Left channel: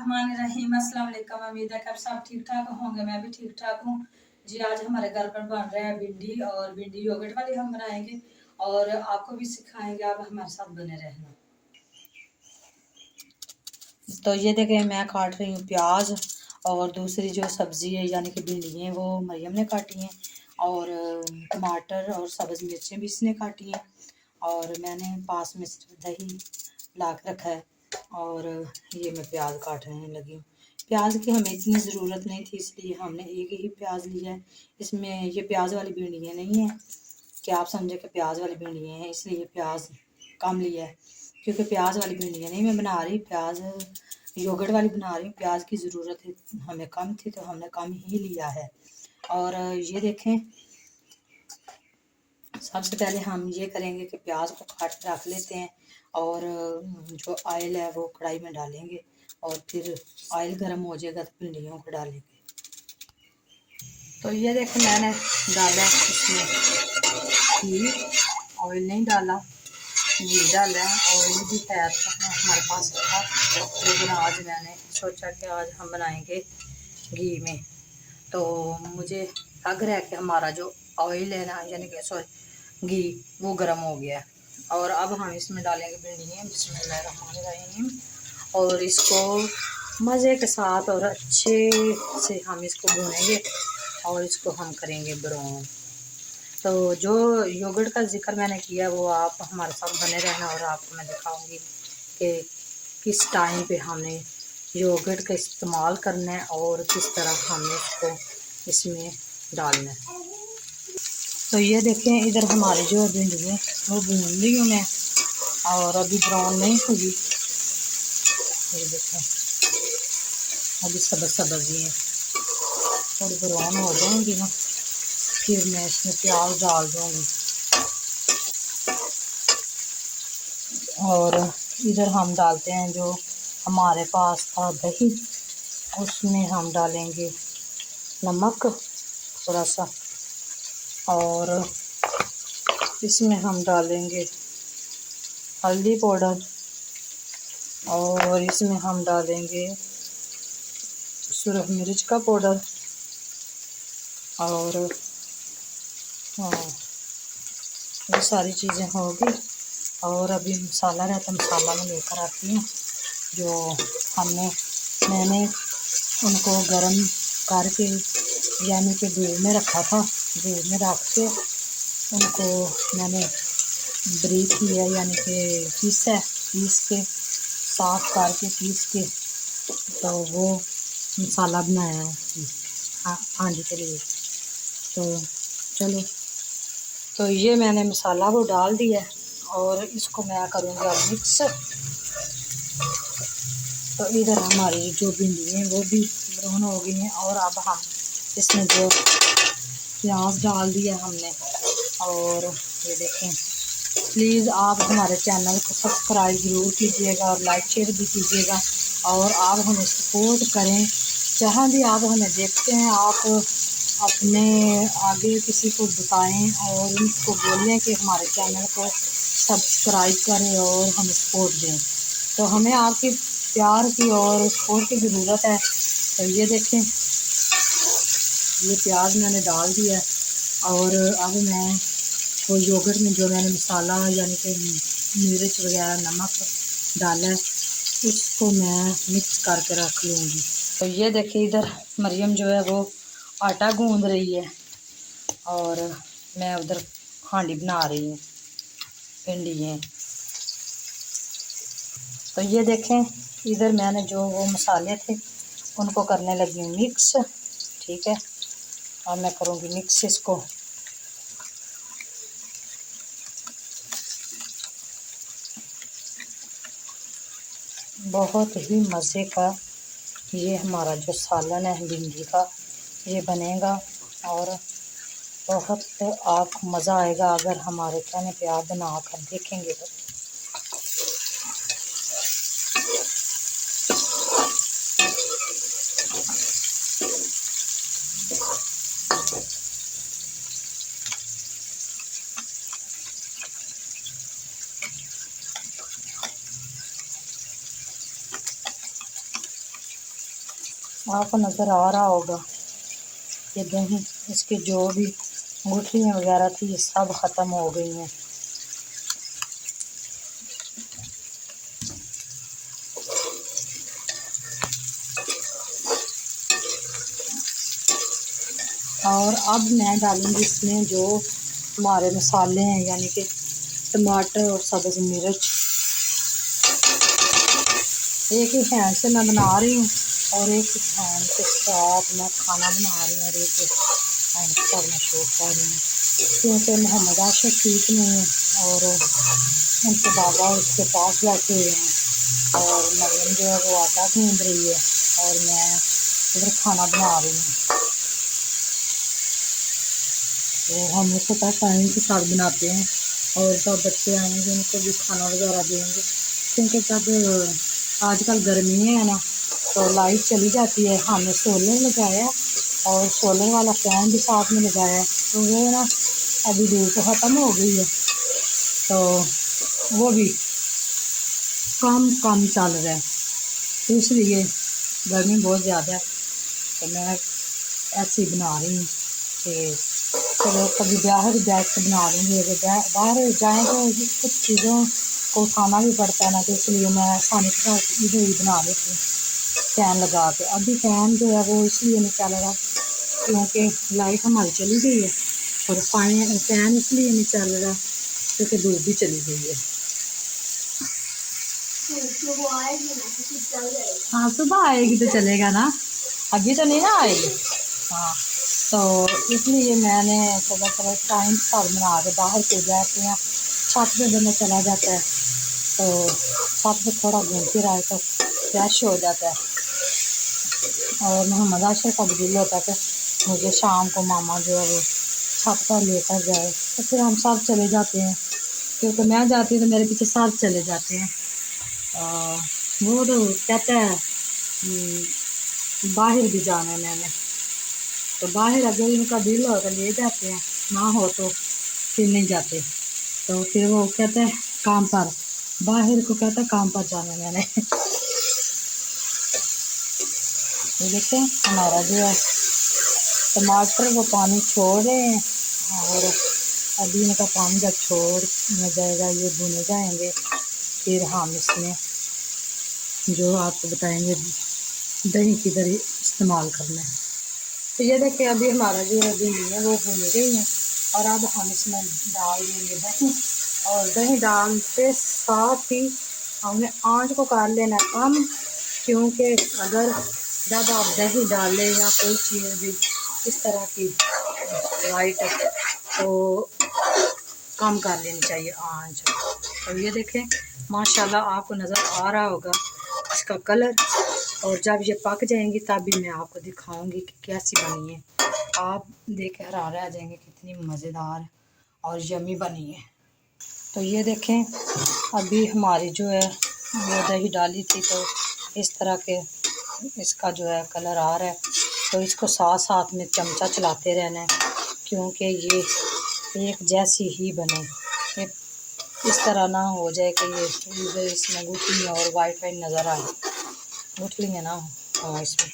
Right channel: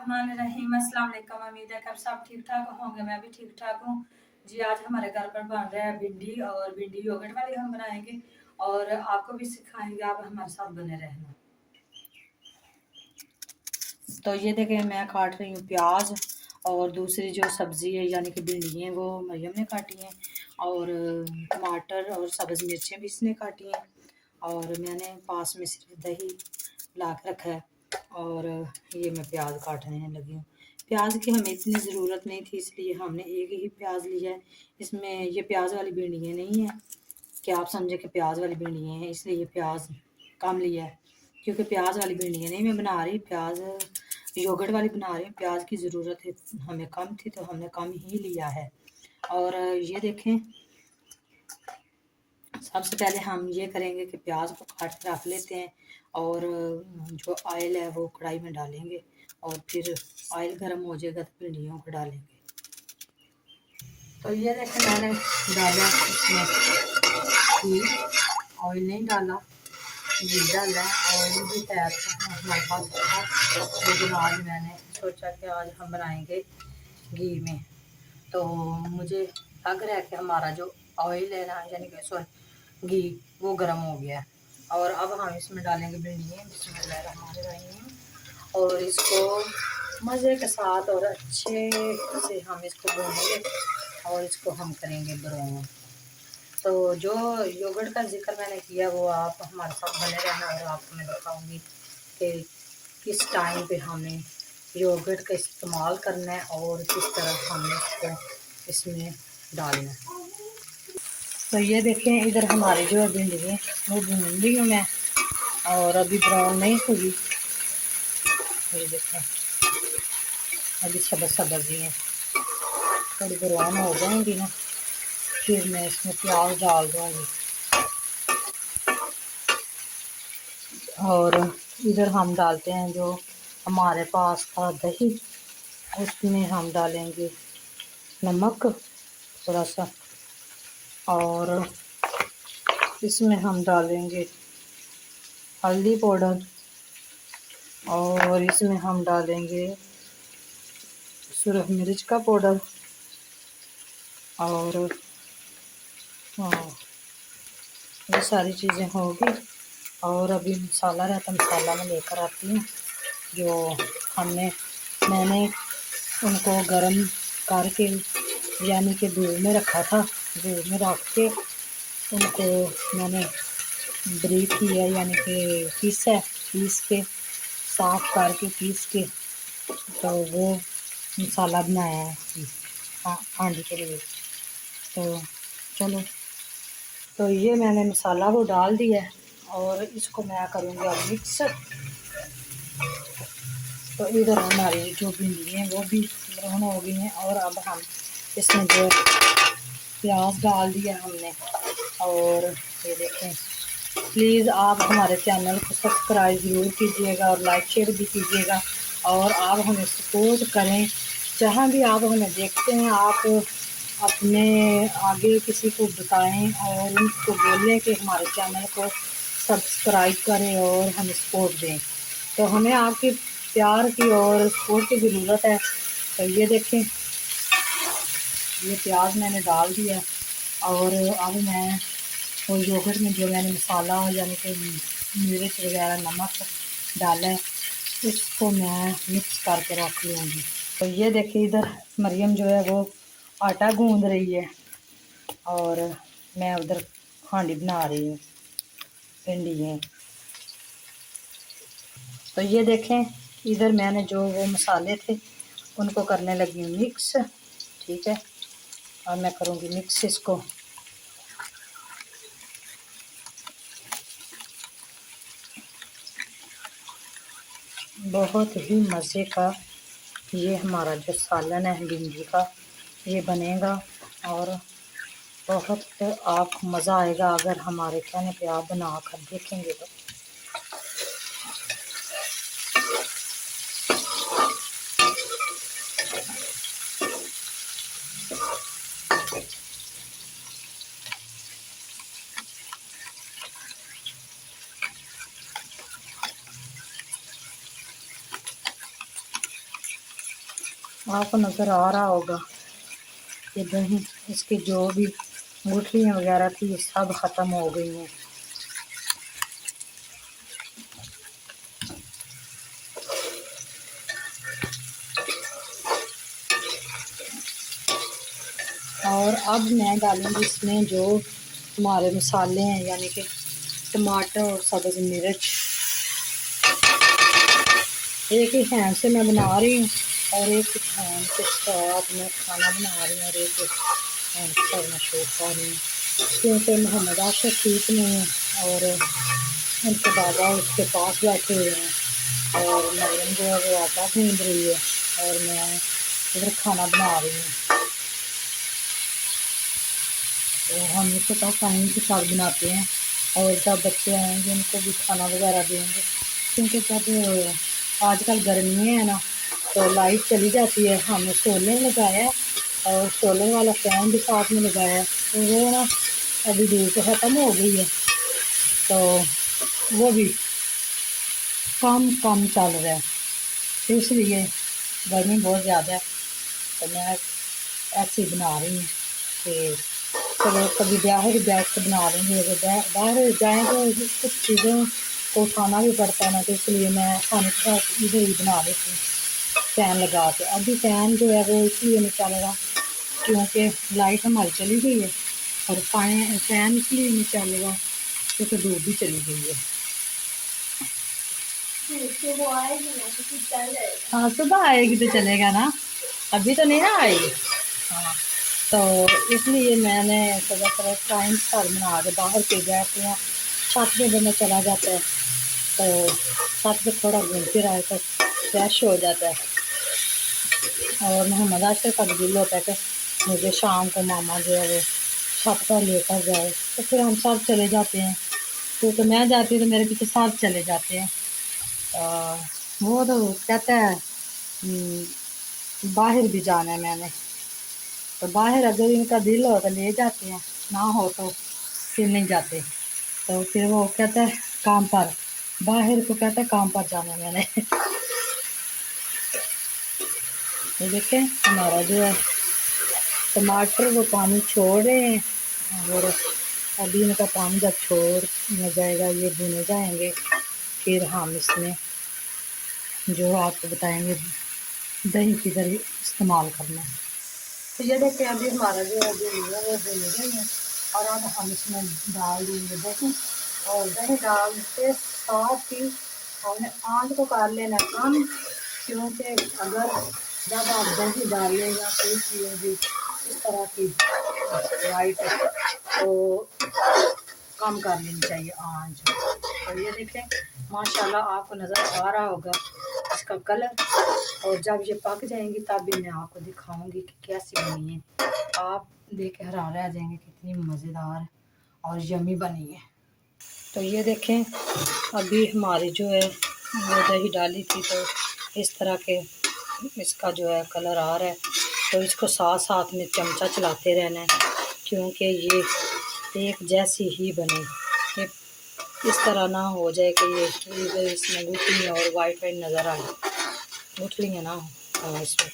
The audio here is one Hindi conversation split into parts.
बिस्मिल्लाहिर्रहमानिर्रहीम। अस्सलाम वालेकुम। उम्मीद है कि आप सब ठीक ठाक होंगे, मैं भी ठीक ठाक हूँ जी। आज हमारे घर पर बन रहा है भिंडी, और भिंडी योगर्ट वाली हम बनाएंगे और आपको भी सिखाएंगे। आप हमारे साथ बने रहना। तो ये देखें, मैं काट रही हूँ प्याज, और दूसरी जो सब्ज़ी है यानी कि भिंडी है वो मरियम ने काटी हैं, और टमाटर और सब्ज़ मिर्चें भी इसने काटी हैं, और मैंने पास में सिर्फ दही ला के रखा है, और ये मैं प्याज काटने लगी हूँ। प्याज की हमें इतनी ज़रूरत नहीं थी, इसलिए हमने एक ही प्याज लिया है। इसमें ये प्याज वाली भिंडियाँ नहीं हैं कि आप समझे कि प्याज वाली भिंडियाँ हैं, इसलिए ये प्याज कम लिया है, क्योंकि प्याज वाली भिंडियाँ नहीं मैं बना रही, प्याज योगर्ट वाली बना रही हूँ। प्याज की ज़रूरत है हमें कम थी, तो हमने कम ही लिया है। और ये देखें, सबसे पहले हम ये करेंगे कि प्याज को काट के रख लेते हैं, और जो ऑयल है वो कढ़ाई में डालेंगे, और फिर ऑयल गर्म हो जाएगा तो भिंडियों को डालेंगे। तो ये देखें, मैंने डाला इसमें घी, ऑयल नहीं डाला, घी डाला है। ऑयल भी तैयार हमारे पास था, लेकिन आज मैंने सोचा कि आज हम बनाएंगे घी में। तो मुझे लग रहा है कि हमारा जो ऑयल है ना, यानी कि सॉरी घी, वो गर्म हो गया है। और अब हम इसमें डालेंगे भिंडियाँ, बिस्मिल्लाहिर्रहमानिर्रहीम, और इसको मज़े के साथ और अच्छे से हम इसको भूनेंगे, और इसको हम करेंगे ब्राउन। तो जो योगर्ट का जिक्र मैंने किया वो आप हमारे साथ बने रहना, और आपको मैं दिखाऊंगी कि किस टाइम पे हमें योगर्ट का इस्तेमाल करना है और किस तरह हमने इसको इसमें डालना है। तो ये देखें, इधर हमारी जो भिंडी है वो भून ली हूँ मैं, और अभी ब्राउन नहीं हुई। ये देखें, अभी सब्ज़ी है, थोड़ी ब्राउन हो जाएंगी ना, फिर मैं इसमें प्याज डाल दूँगी। और इधर हम डालते हैं जो हमारे पास था दही, उसमें हम डालेंगे नमक थोड़ा सा, और इसमें हम डालेंगे हल्दी पाउडर, और इसमें हम डालेंगे सुरख मिर्च का पाउडर, और हाँ, ये सारी चीज़ें होगी। और अभी मसाला रहता, मसाला में लेकर आती हूँ जो मैंने उनको गरम करके यानी कि धूप में रखा था। धूप में रख के उनको मैंने ब्रीक किया, यानी कि पीस के साफ करके पीस के, तो वो मसाला बनाया है हांडी के लिए। तो चलो, तो ये मैंने मसाला वो डाल दिया है, और इसको मैं करूँगी अब मिक्स। तो इधर हमारी जो भिंडी हैं वो भी ब्राउन हो गई हैं, और अब हम इसमें जो प्याज डाल दिया हमने। और ये देखें, प्लीज़ आप हमारे चैनल को सब्सक्राइब ज़रूर कीजिएगा, और लाइक शेयर भी कीजिएगा, और आप हमें सपोर्ट करें। जहाँ भी आप हमें देखते हैं, आप अपने आगे किसी को बताएं और उनको बोलें कि हमारे चैनल को सब्सक्राइब करें और हमें सपोर्ट दें। तो हमें आपकी प्यार की और सपोर्ट की ज़रूरत है। तो ये देखें, ये प्याज मैंने डाल दिया है, और अब मैं वो योगर्ट में जो मैंने मसाला यानी कि मिर्च वगैरह नमक डाला है, उसको मैं मिक्स करके रख लूँगी। तो ये देखिए, इधर मरियम जो है वो आटा गूंद रही है, और मैं उधर हांडी बना रही हूँ भिंडियाँ। तो ये देखें, इधर मैंने जो वो मसाले थे उनको करने लगी हूँ मिक्स। ठीक है, और मैं करूँगी मिक्स इसको। बहुत ही मज़े का ये हमारा जो सालन है भिंडी का, ये बनेगा, और बहुत आपको मज़ा आएगा अगर हमारे कहने पे आप बना कर देखेंगे तो। आपको नज़र आ रहा होगा ये दही, इसकी जो भी गुठलियाँ वगैरह थी सब ख़त्म हो गई हैं। और अब मैं डालूँगी इसमें जो हमारे मसाले हैं, यानी कि टमाटर और सब्ज़ मिर्च। एक ही हैंड से मैं बना रही हूँ और एक ही हैंड के साथ मैं खाना बना रही हूँ और एक हैंड के साथ मैं शूट कर रही हूँ, क्योंकि मोहम्मद आशिक ठीक नहीं है और उनके बाबा उसके पास बैठे हुए हैं और मरियम जो है वो आटा गूंद रही है और मैं इधर खाना बना रही हूँ। तो हम इसको तो टाइम के साथ बनाते हैं और जब बच्चे आएंगे उनको भी खाना वगैरह देंगे, क्योंकि जब आजकल गर्मी है ना तो लाइट चली जाती है। हमने सोलर लगाया है और सोलर वाला फ़ैन भी साथ में लगाया है, तो वो ना अभी धूप ख़त्म हो गई है तो वो भी कम चल रहा है, तो इसलिए गर्मी बहुत ज़्यादा है। तो मैं ऐसे ही बना रही हूँ कि चलो कभी बाहर बैठ के बना लूँगी, अगर बाहर जाएँ तो कुछ चीज़ों को उठाना भी पड़ता है ना, तो इसलिए मैं आसानी के साथ इधर ही बना लेती हूँ फ़ैन लगा के। अभी फ़ैन जो है वो इसलिए नहीं चल रहा क्योंकि लाइट हमारी चली गई है और फ़ैन इसलिए नहीं चल रहा क्योंकि धूप भी चली गई है। हाँ सुबह आएगी तो चलेगा ना, अभी तो नहीं ना आएगी। हाँ तो इसलिए मैंने सुबह थोड़ा टाइम पर बना के बाहर पे बैठते हैं, छत पे बंदा चला जाता है तो छत पे थोड़ा घूम फिर आए तो फ्रेश हो जाता है। और मोहम्मद आशिक का भी दिल होता है कि मुझे शाम को मामा जो है वो छत पर लेकर जाए, तो फिर हम सब चले जाते हैं, क्योंकि मैं जाती हूँ तो मेरे पीछे सब चले जाते हैं। वो तो कहता है बाहर भी जाना है मैंने, तो बाहर अगर इनका दिल हो तो ले जाते हैं, ना हो तो फिर नहीं जाते। तो फिर वो कहता है काम पर, बाहर को कहता है काम पर जाना है मैंने। ये देखें हमारा जो है टमाटर वो पानी छोड़ रहे हैं और अभी इनका पानी जब छोड़ जाएगा ये भुने जाएंगे, फिर हम इसमें जो आपको बताएंगे दही किधर इस्तेमाल करना है। तो ये देखिए अभी हमारा जो है दही है वो भुन गई है और अब हम इसमें डाल देंगे दही, और दही डालते साथ ही हमने आंच को कर लेना कम, क्योंकि अगर जब आप दही डालें या कोई चीज़ भी इस तरह की वाइट तो कम कर लेनी चाहिए आंच। और ये देखें माशाल्लाह आपको नज़र आ रहा होगा इसका कलर, और जब ये पक जाएंगी तब भी मैं आपको दिखाऊंगी कि कैसी बनी है। आप देख के हैरान रह जाएंगे कितनी मज़ेदार और यमी बनी है। तो ये देखें अभी हमारी जो है वो दही डाली थी तो इस तरह के इसका जो है कलर आ रहा है, तो इसको साथ साथ में चमचा चलाते रहना है क्योंकि ये एक जैसी ही बने। ये इस तरह ना हो जाए कि ये इधर इसमें गुठलियाँ और वाइट नज़र आए, गुठलियाँ ना हो इसमें।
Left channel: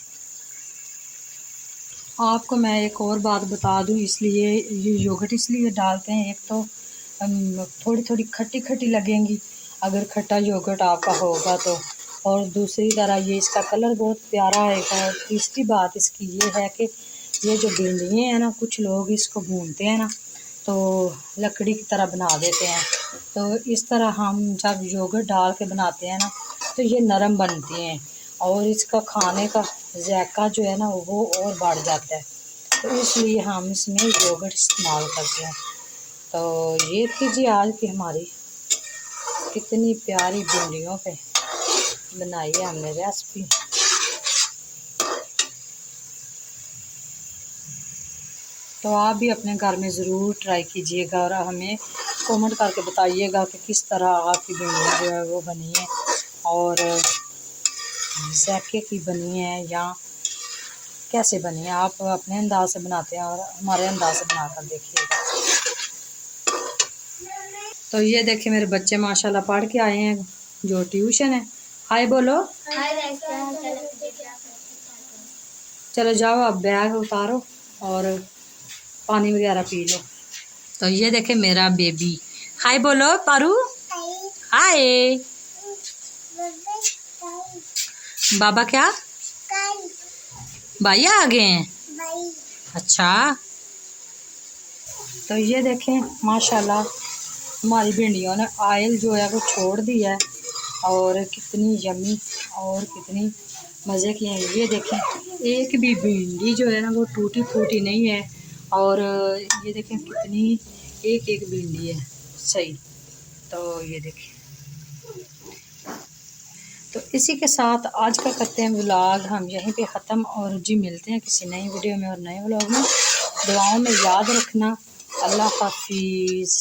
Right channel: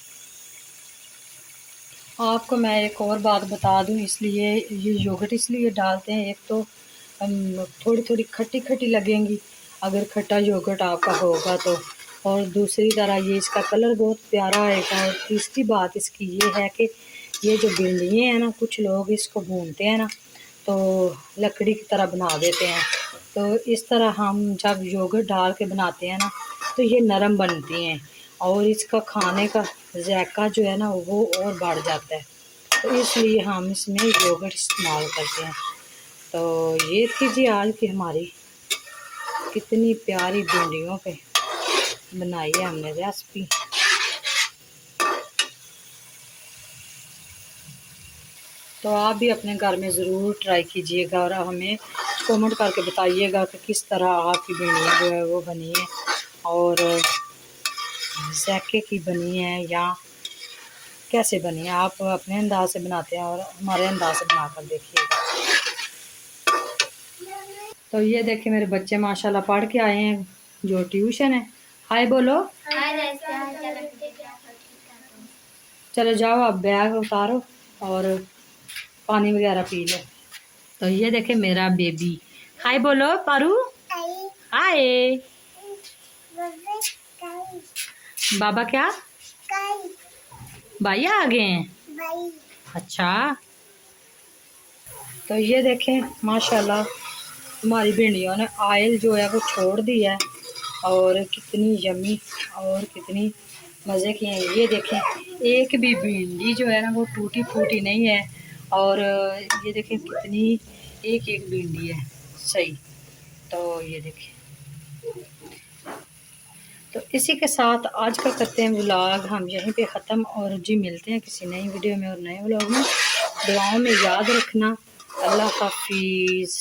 आपको मैं एक और बात बता दूं, इसलिए ये योगर्ट इसलिए डालते हैं, एक तो थोड़ी थोड़ी खट्टी खट्टी लगेंगी अगर खट्टा योगर्ट आपका होगा तो, और दूसरी तरह ये इसका कलर बहुत प्यारा आएगा। और तीसरी बात इसकी ये है कि ये जो भिंडियाँ हैं ना, कुछ लोग इसको भूनते हैं ना तो लकड़ी की तरह बना देते हैं, तो इस तरह हम जब योगर्ट डाल के बनाते हैं ना तो ये नरम बनती हैं और इसका खाने का जायका जो है ना वो और बढ़ जाता है, तो इसलिए हम इसमें योगर्ट इस्तेमाल करते हैं। तो ये थी जी आज की हमारी कितनी प्यारी भिंडियों पे बनाई है हमने रेसिपी। तो आप भी अपने घर में ज़रूर ट्राई कीजिएगा और हमें कमेंट करके बताइएगा कि किस तरह आपकी भिंडियाँ जो है वो बनी है और जायके की बनी है या कैसे बनी है। आप अपने अंदाज से बनाते हैं और हमारे अंदाज से बनाकर देखिएगा। तो ये देखिए मेरे बच्चे माशाल्लाह पढ़ के आए हैं जो ट्यूशन है। हाय बोलो। चलो जाओ अब बैग उतारो और पानी वगैरह पी लो। तो ये देखे मेरा बेबी। हाय बोलो पारू। हाय। बाबा क्या भैया आ गए हैं? अच्छा। तो ये देखें माशाल्लाह हमारी भिंडियों ने ऑयल जो है वो छोड़ दिया है और कितनी यमी और कितनी मज़े की हैं। ये देखें एक भी भिंडी जो है ना वो टूटी फूटी नहीं है और ये देखें कितनी एक एक भिंडी है सही। तो ये देखें, तो इसी के साथ आज का करते हैं व्लॉग हम यहीं पे ख़त्म और जी मिलते हैं किसी नई वीडियो में और नए व्लॉग में। दुआओं में याद रखना। अल्लाह हाफिज़।